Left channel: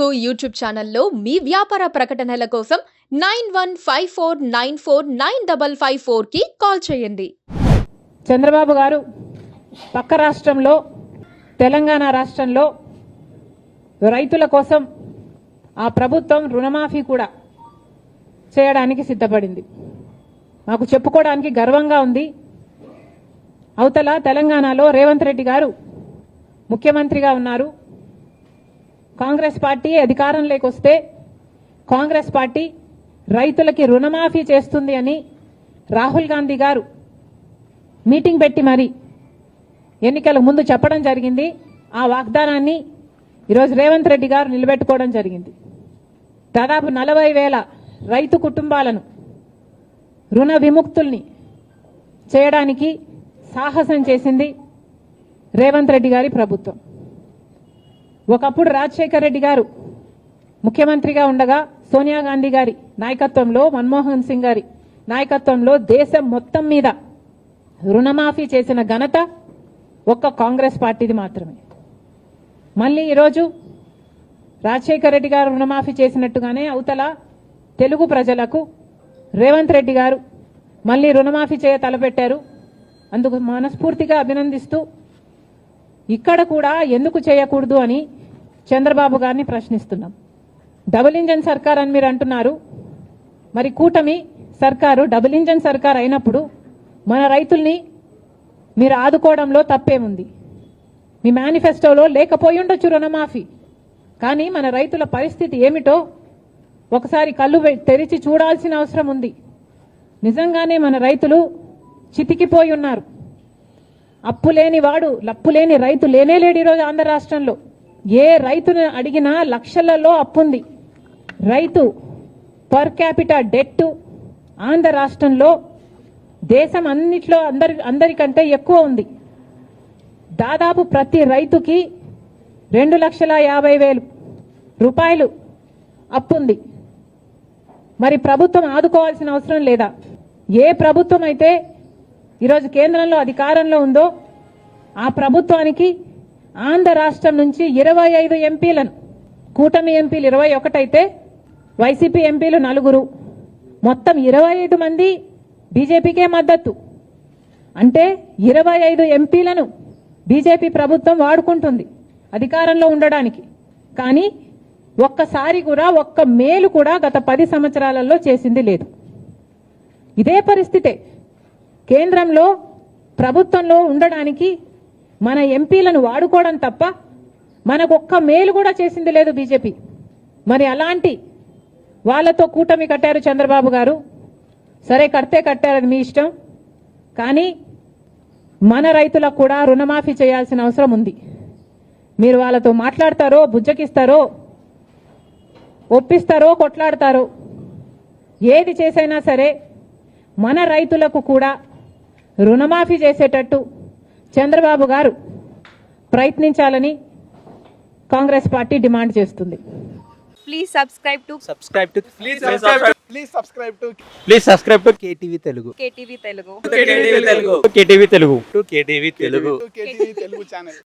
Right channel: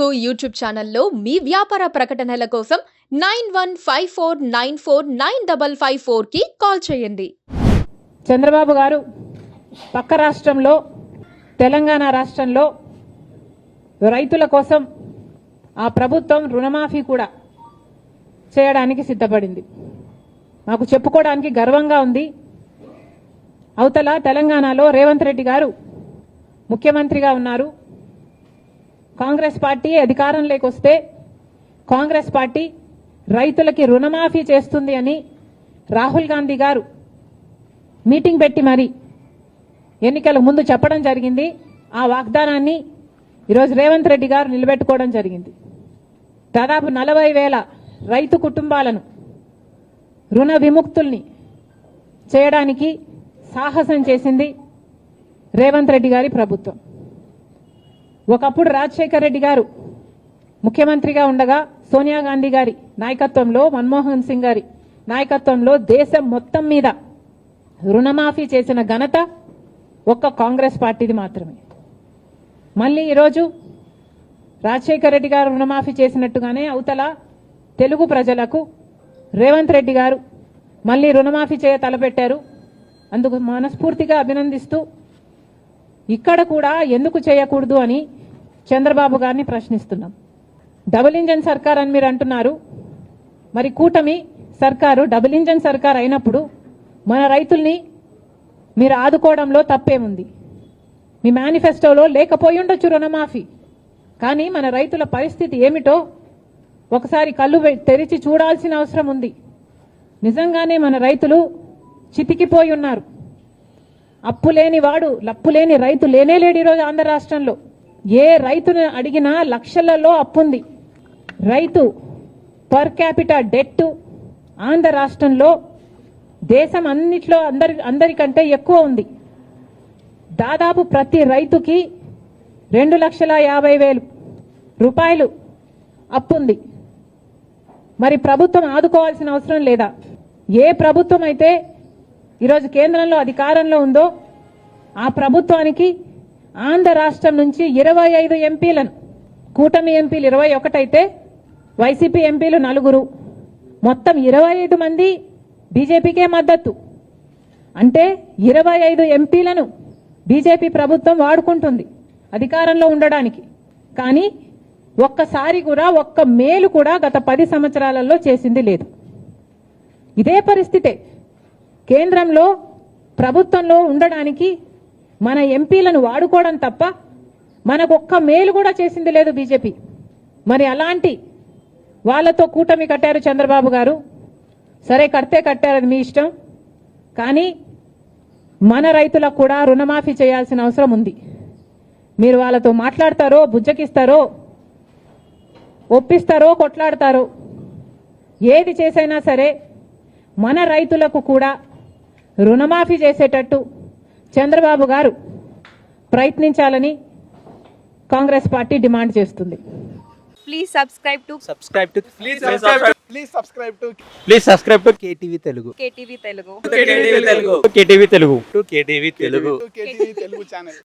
Telugu YouTube ఛానల్లో మీ వ్యాపార ప్రకటనల కోసం 9154949554 కి కాల్ చేయండి. చంద్రబాబు గారు పక్క రాష్ట్రంలో తెలంగాణ రాష్ట్రంలో రైతుల కోసం ఆ ప్రభుత్వం రుణమాఫీ కూడా చేయడానికి సిద్ధపడింది. మాకు చెప్పుకోవడానికి గర్వంగా ఉంది. అవతల తెలంగాణలో రేవంత్ రెడ్డి గారు ముఖ్యమంత్రిగా ఉన్నారు. కాంగ్రెస్ పార్టీ అధికారంలోకి వస్తే కాంగ్రెస్ పార్టీ రైతులకి రుణమాఫీ చేస్తుంది అని రాహుల్ గాంధీ గారు మీటింగ్ పెట్టి మరి ఎన్నికల ముందు చెప్పడం జరిగింది. ఆ వాగ్దానాన్ని ఈరోజు రేవంత్ రెడ్డి గారు నిలబెట్టుకోవడం జరిగింది. దాదాపు 40,000 రైతు కుటుంబాలను రుణ విముక్తుల్ని చేయడానికి సాహసం చేసింది రేవంత్ రెడ్డి గారి ప్రభుత్వం. ఒకప్పుడు రాజశేఖర్ రెడ్డి గారు ముఖ్యమంత్రిగా ఉండగా సోనియా గాంధీ గారి నాయకత్వంలో, మన్మోహన్ సింగ్ గారి నాయకత్వంలో దేశం మొత్తం మీద రుణమాఫీ చేసిన ఘనత ఒక్క కాంగ్రెస్ పార్టీది మాత్రమే. మళ్ళీ ఈరోజు రాజశేఖర్ రెడ్డి గారు రుణమాఫీ చేసినట్టుగానే అవతల తెలుగు ప్రజలకు రేవంత్ రెడ్డి గారు మళ్ళీ రుణమాఫీ చేయ తలపెట్టారు. అందుకు మనస్ఫూర్తిగా అభినందిస్తూ ఇక్కడ కూడా ఎందుకు చేయకూడదు అని చంద్రబాబు గారిని ప్రశ్నిస్తున్నాం. డబుల్ ఇంజన్ సర్కార్ అని మీరు అంటున్నారు. మరి కూటమి సర్కారు డబుల్ ఇంజన్ సర్కార్ అయినప్పుడు మన రైతుల్ని మీరు ఆదుకోవడంలో తప్పేముంది? మీ మేనిఫెస్టోలో లేకపోయి ఉండొచ్చు రుణమాఫీ, కానీ మన రైతుల పరిస్థితి ఏమిటో ఒకసారి కళ్ళు తెరిచి చూడాల్సిన అవసరం ఉంది. నిజంగానే మన రైతులు చితికిపోయి ఉన్నారు. అప్పులేని వాడు లప్పులేని రైతు లేనేలేడు. ఈరోజు ఆంధ్ర రాష్ట్రంలో ఏ రైతుని అడిగినా లక్షలలో అప్పుంది. రైతు పర్ క్యాపిటా డెట్ ఆంధ్ర రాష్ట్రంలో దేశం అన్నిట్లో అందరికంటే ఎక్కువ ఉంది. దాదాపు ప్రతి రైతుకి 2,50,000 రూపాయలు అప్పుంది. మరి ప్రభుత్వం ఆదుకోవాల్సిన అవసరం లేదా? ఏ ప్రభుత్వం అయితే ఈరోజు కేంద్రంలో అధికారంలో ఉందో ఆ ప్రభుత్వానికి ఆంధ్ర రాష్ట్రం నుంచి 25 ఎంపీలను, కూటమి ఎంపీలు 21 అయితే వైసీపీ ఎంపీలు 4, మొత్తం 25 మంది బీజేపీకే మద్దతు. అంటే 25 ఎంపీలను బీజేపీ ప్రభుత్వం వాడుకుంటుంది అధికారంలో ఉండడానికి. కానీ ఒక్కసారి కూడా ఒక్క మేలు కూడా గత 10 సంవత్సరాలలో చేసింది లేదు. ఇదే పరిస్థితే కేంద్రంలో ప్రభుత్వంలో ఉండడానికి మన ఎంపీలను వాడుకోవడం తప్ప మనకు ఒక్క మేలు కూడా చేసింది లేదు బీజేపీ. మరి అలాంటి వాళ్ళతో కూటమి కట్టారు చంద్రబాబు గారు. సరే, కడితే కట్టారని మీ ఇష్టం, కానీ మన రైతులకు కూడా రుణమాఫీ చేయాల్సిన అవసరం ఉంది. మీరు వాళ్ళతో మాట్లాడతారో, బుజ్జకిస్తారో, ఒప్పిస్తారో, కొట్లాడతారో, ఏది చేసైనా సరే మన రైతులకు కూడా రుణమాఫీ చేసేటట్టు చంద్రబాబు గారు ప్రయత్నించాలని కాంగ్రెస్ పార్టీ డిమాండ్ చేస్తుంది. Please subscribe to KTV Telugu. KTV Telugu. KTV Telugu channel.